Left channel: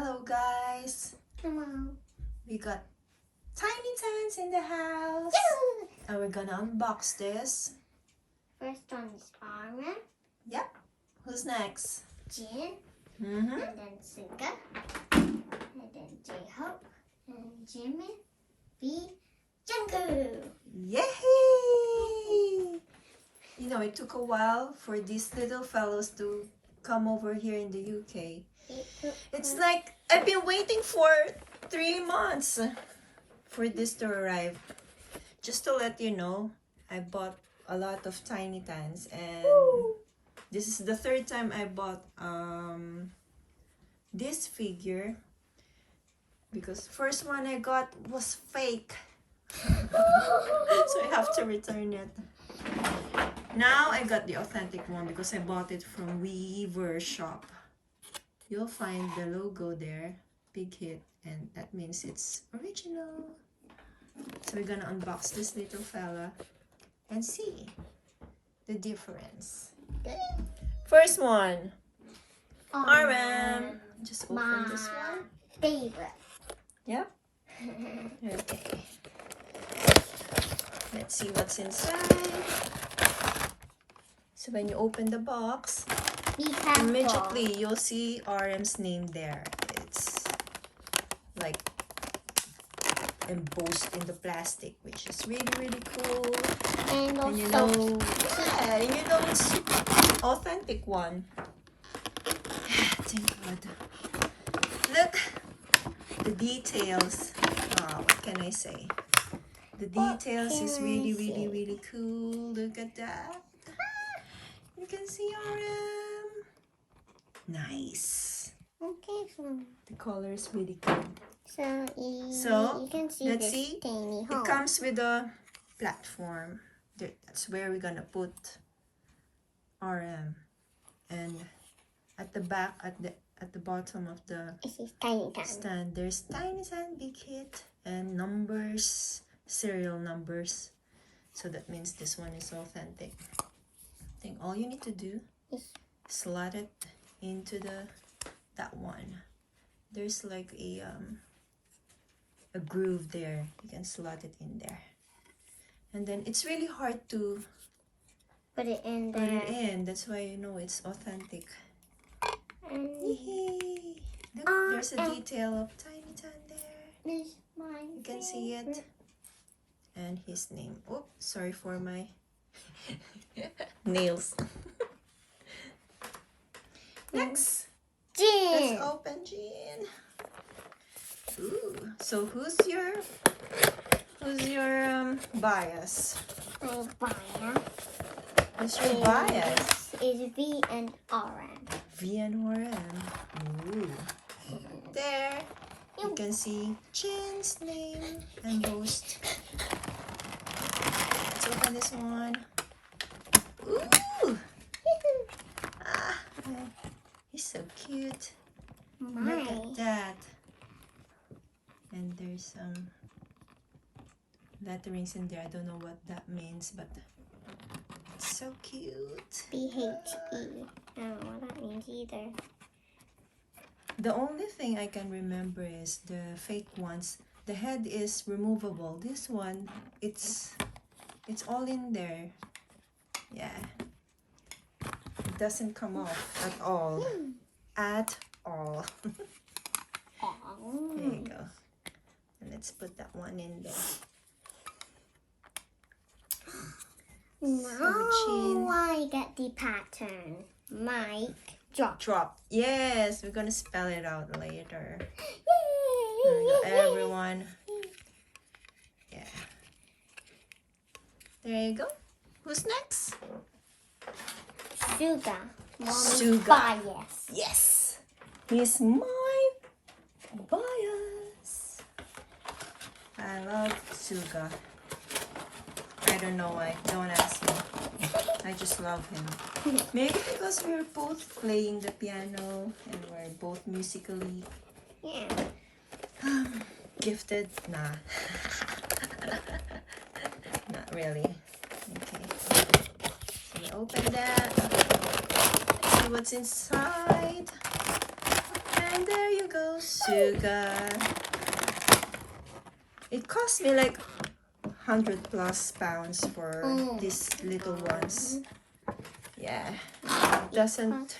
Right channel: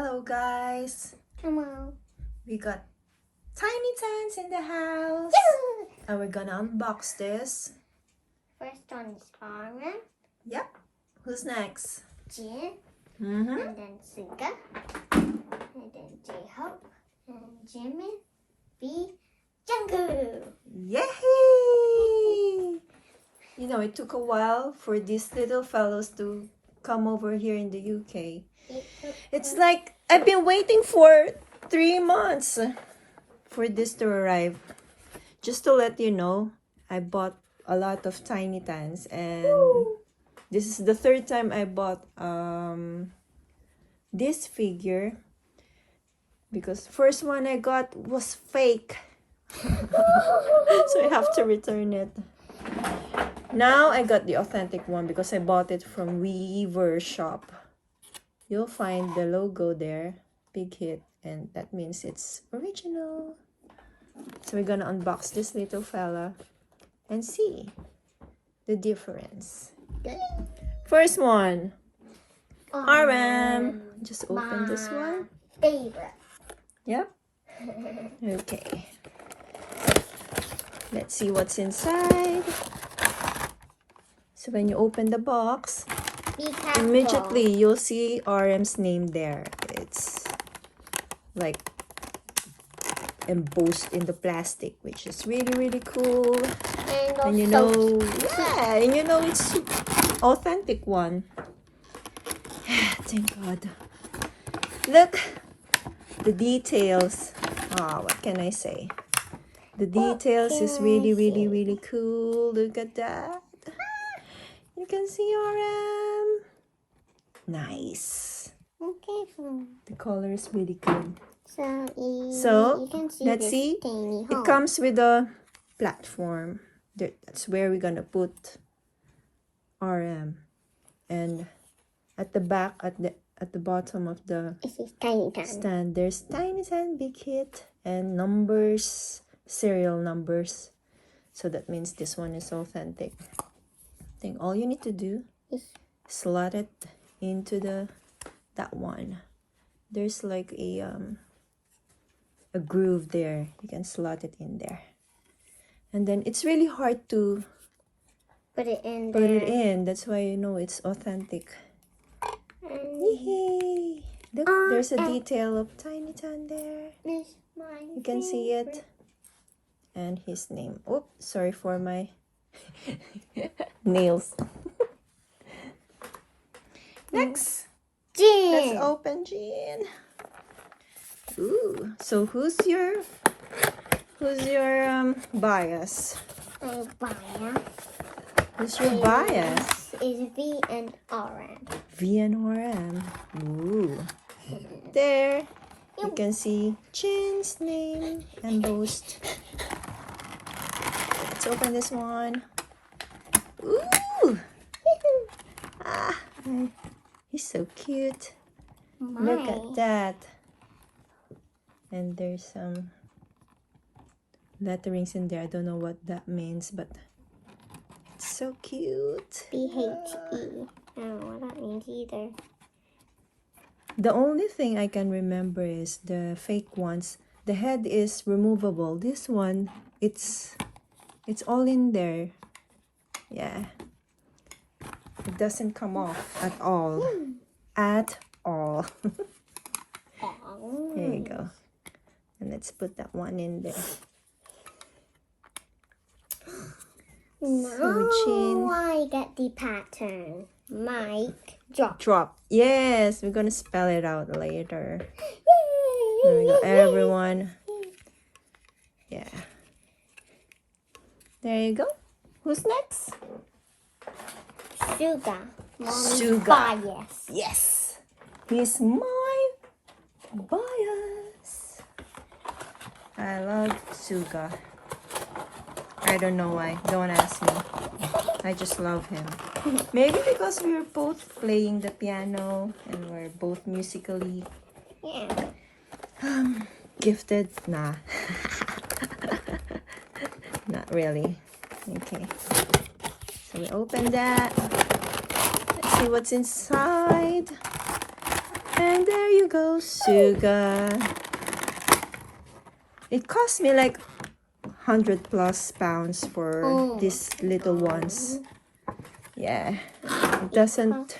Hello guys! Hello. We got tiny tans in the house and we're gonna unbox this. First one is Farmer, Yep. Who's next? Jin, Mm-hmm. and then Suga, and then J-Hope, and Jimin, B, Jungkook. Yay! You know, it took a while for these little fellows to come over here in the UK. It's like I've been waiting for 3 months for this to arrive. Just to let you know, I bought a lot of tiny tans and this is the third time I bought this figure because first one I got was fake. So I have to return it. Now I got the authentic one because I bought it from Weverse Shop. You'll find the logo there, big hit, and that means it's original. So we're gonna unbox this little fella and see the difference. First one, RM. Just open this one. Favorite. Yeah. Okay. Let's see what's inside. So when you open the box, immediately you'll see RM's name there. It's like embossed in the plastic, which is really cool. And you know, yeah, and you know it's authentic one. Thank God. Look, the details. What can I say? The details is really cool. Look at that. You can see RM. Nice. Okay, The color is really good. so So you can see let's this see. tiny hole. It comes with a platform. That's where we're gonna put RM. And at the back, at the bottom of the This is tiny tan. stand, there's tiny tan, big hit, and numbers, serial numbers. So that means this one is authentic. I think all you need to do is slot it into that one. There's like a groove there. You can slot it in there, and then it's really hard to Put it in put there. it in. That's why you know it's authentic. Yay! Look, there's a detail of tiny tan there. You can see it. And his name. Oops, sorry for my nails. Next, Jin. let's open Jin. Ooh, so who's your bias? My bias. Who's your bias? Is V and RM. V and RM. Ooh. There, you can see Jin's name embossed. Let's open this one. Ooh! He's so cute. Look at that. And there's some letterings in there. I don't know what that means, but it's so cute. BHE. I don't know what that means either. The only thing I can remember is the fake ones. The head is removable. This one, it's all in there. Yeah. It doesn't come off at all. At all. There you go. And let's put that one in there. Now I get the pattern. Mic drop. Drop. Yes, we're gonna spell it out later. Yay! There we go, everyone. Yeah. There you go. Who's next? Suga. Suga. Bias. Yes. He's my bias. I love Suga. I don't know why. Don't ask me. I just love him. Maybe because we're both playing the piano and we're both musically Yeah. gifted. Nah. Not really. Okay. We open that. Let's see what's inside. And there you go, Suga. It cost me like 100 plus pounds for these little ones. Yeah, it doesn't.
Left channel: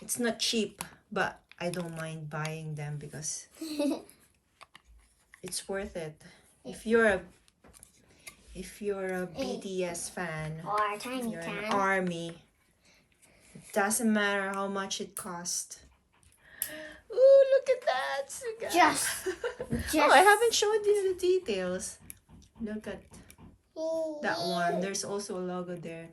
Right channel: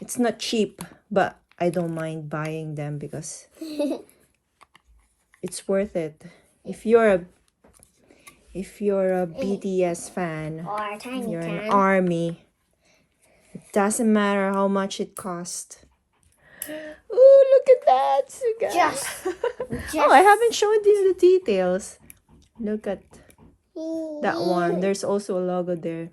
It's not cheap, but I don't mind buying them because it's worth it. If you're a BTS fan, Or a tiny you're can. an army. It doesn't matter how much it costs. Oh, look at that, Suga. Just Oh, I haven't showed you the details. Look at that one. There's also a logo there.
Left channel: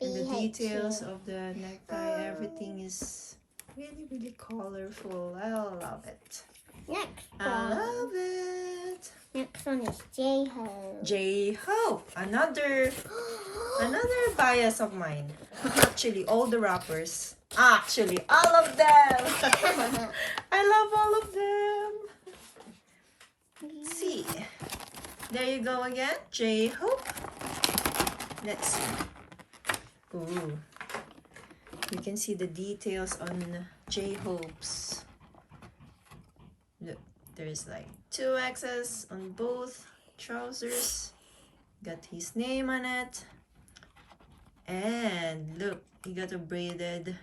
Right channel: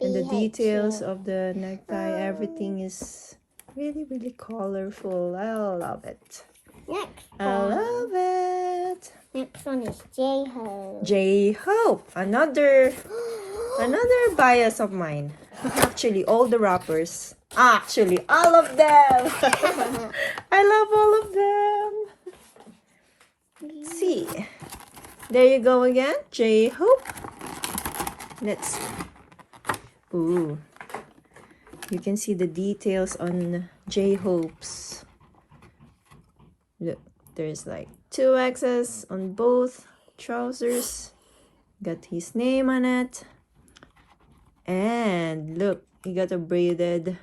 And the details of the necktie, everything is really, really colorful. I love it. Next I love it. Next one is J-Hope. J-Hope, another bias of mine. Actually, all the rappers. Actually, all of them. I love all of them. See, there you go again, J-Hope. Let's see. Ooh, you can see the details on J-Hope's. Look, there's like 2 X's on both trousers. Got his name on it. And look, he got a braided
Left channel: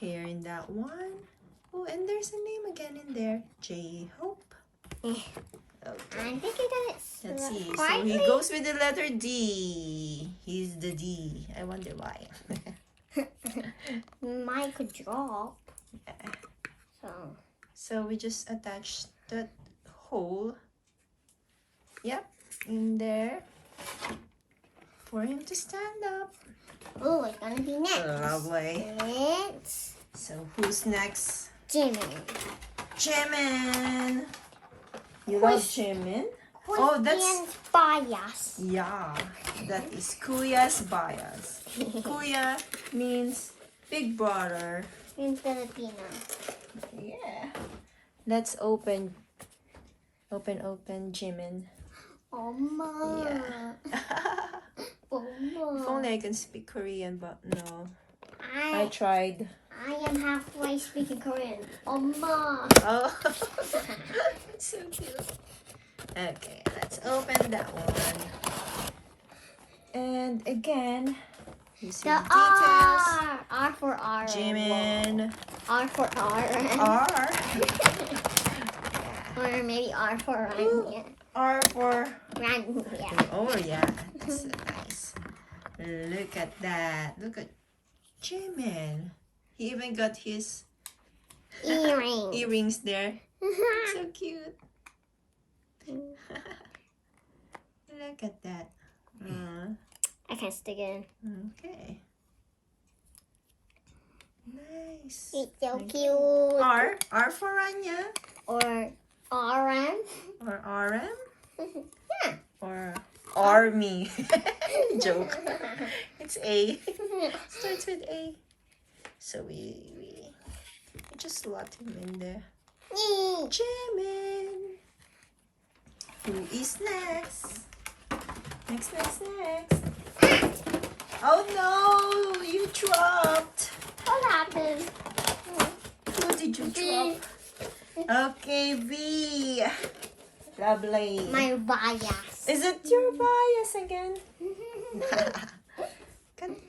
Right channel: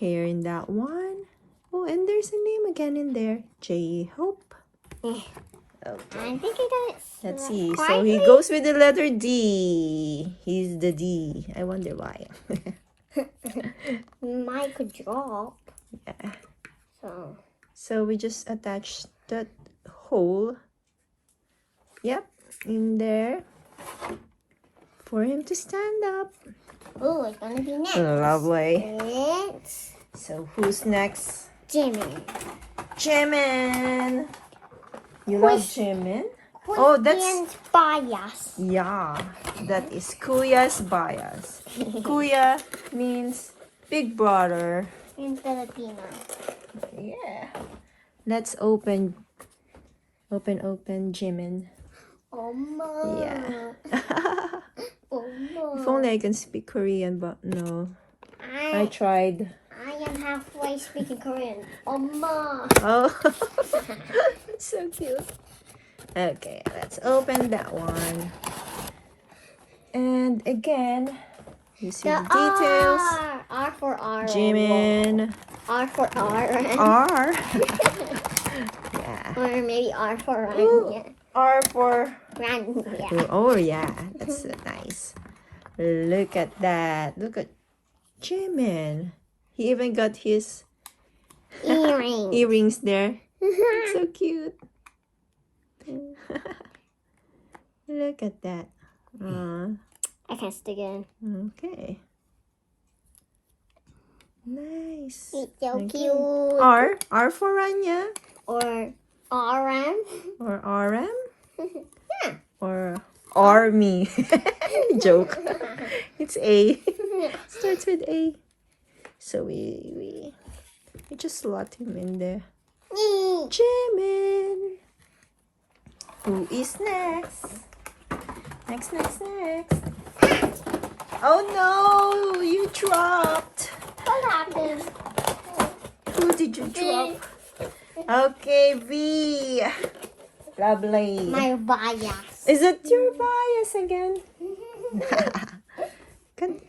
hair in that one. Oh, and there's a name again in there. J-Hope. Okay. I think it is. Let's see. So he goes with the letter D. He's the D. I wonder why. Mine could drop. Yeah. So. So we just attach that hole. Yep, in there for him to stand up. Oh, it's gonna be next. Lovely. It's So who's next? Jimin. Jimin. You love Jimin? Oh, that's bias. yeah. That is Kuya's bias. Kuya means big brother. In Filipino. Yeah. Let's open Jimin. Oh, Mom. Yeah. Oh, Mom. If only I can speak Korean, but no. I tried. I am halfway speaking Korean. Oh, Mom. Oh, so cute. Okay, let's open that one. And again, you see the details. R for R. Jimin. R for R. R. Or maybe R for Ooh, Rania. R for. Rania. Oh yeah, that's so nice. Look at that. Look at Jimin. He even got his earrings there. So cute. Look at that. I can't stick it in. Okay. Nice. It's so Okay. cute. R for Rania. Or RM. Or RM. Yeah. Or Army. Joke. It's A. Starts with A. So we just slot him in there. Jimin. Who is next? Next. Oh no! You dropped. What happened? Who did you drop? Okay, V. Lovely. My bias. Is it your bias again?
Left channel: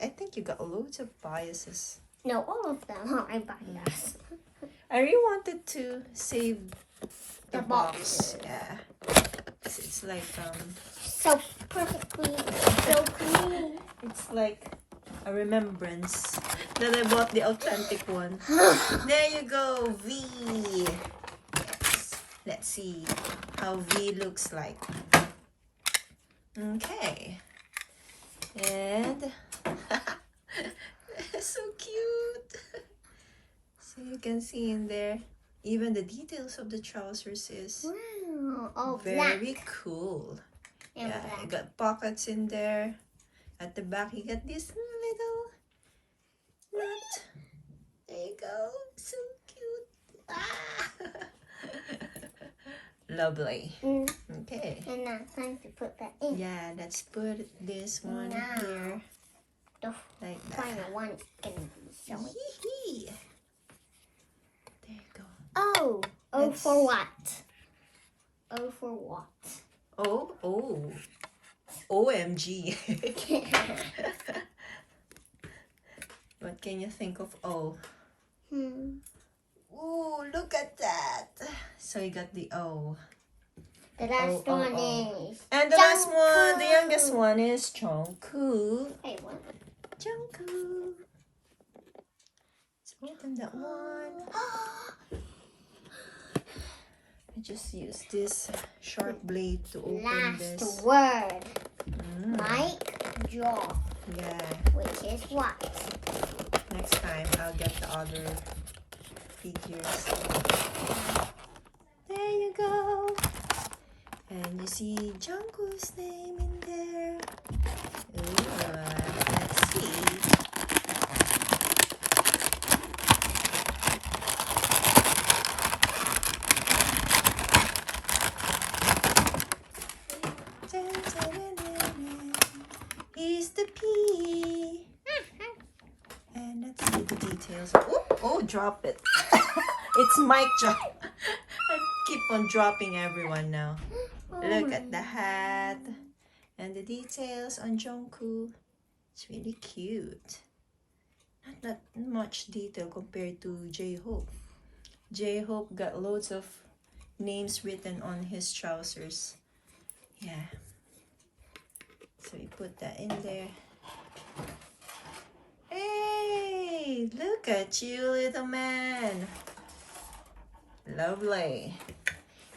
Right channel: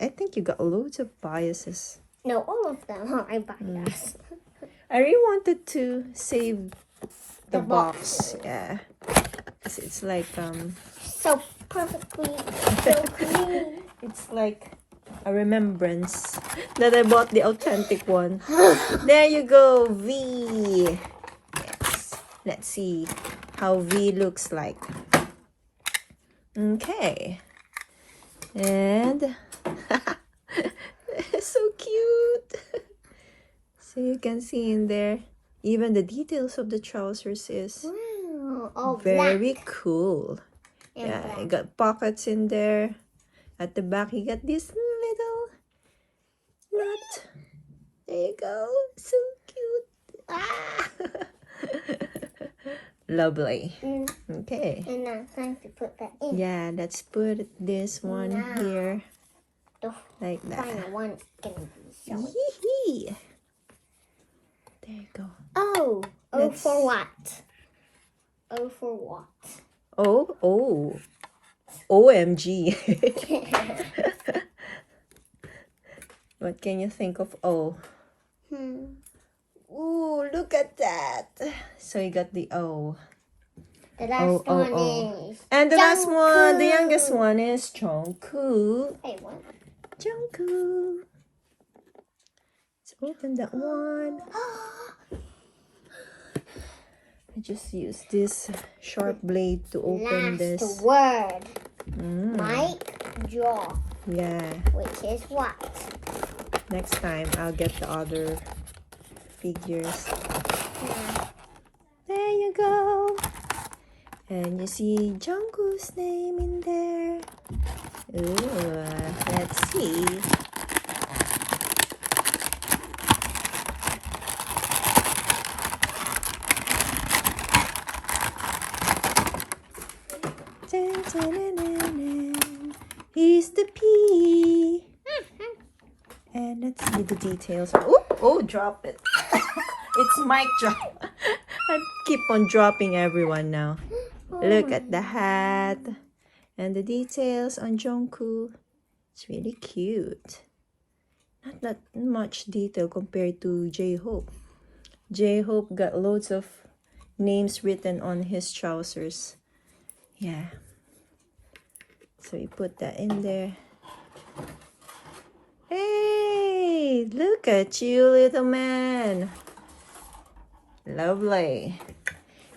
I think you got loads of biases. No, all of them are my bias. I really wanted to save the The box. Yeah. It's like So perfectly. So clean. it's like a remembrance that I bought the authentic one. There you go, V. Let's see how V looks like. Okay. And so cute. So you can see in there, even the details of the trousers is Wow. Oh, very black. cool. And Yeah, black. you got pockets in there. At the back, you got this little knot. There you go. So cute. Ah. Lovely. Okay. And now it's time to put that in. Yeah, let's put this one Now. here. The Like that. final one is gonna be so. Hee-hee. There you go. Oh. O Yes. for what? O for what? Oh. OMG. What can you think of O? Ooh, look at that. So you got the O. The last Oh, one oh. is. And the last one, the Jungkook. youngest one is Jungkook. Hey, what? Jungkook. Let's open that one. I just use this sharp blade to open this. Last word. Mm, Mic drop. yeah. Which is what? Next time I'll get the other figures. There you go. And you see Jungkook's name in there. Ooh, let's see. Dun, dun, dun, dun, dun. He's the P. And let's see the details. Oh, drop it. It's mic drop. I keep on dropping everyone now. Look at the hat and the details on Jungkook. It's really cute. Not that much detail compared to J-Hope. J-Hope got loads of names written on his trousers. Yeah. So you put that in there. Hey, look at you, little man. Lovely.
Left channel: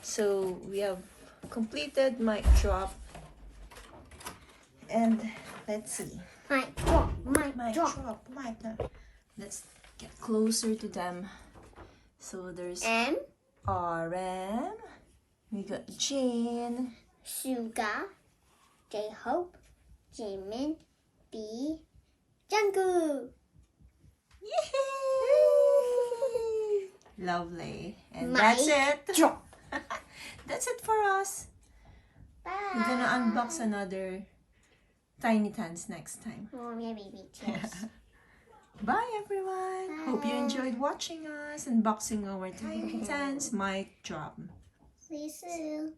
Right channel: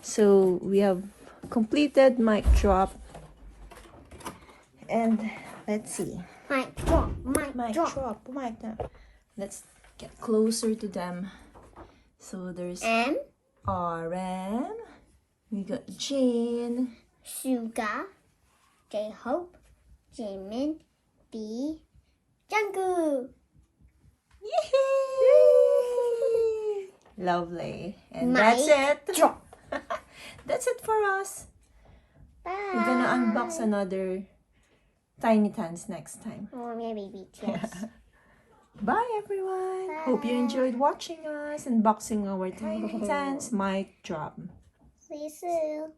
So we have completed mic drop. And let's see. Mic drop. Mic Mic drop. drop. Mic drop. Let's get closer to them. So there's M. RM. We got Jane. Suga. J-Hope. Jaemin. B. Jungkook. Yay! Lovely. And that's it. Drop. That's it for us. Bye. We're gonna unbox another Tiny Tans next time. Or maybe BTS. Bye everyone. Hope you enjoyed watching us unboxing our Tiny Tans mic drop. See you soon.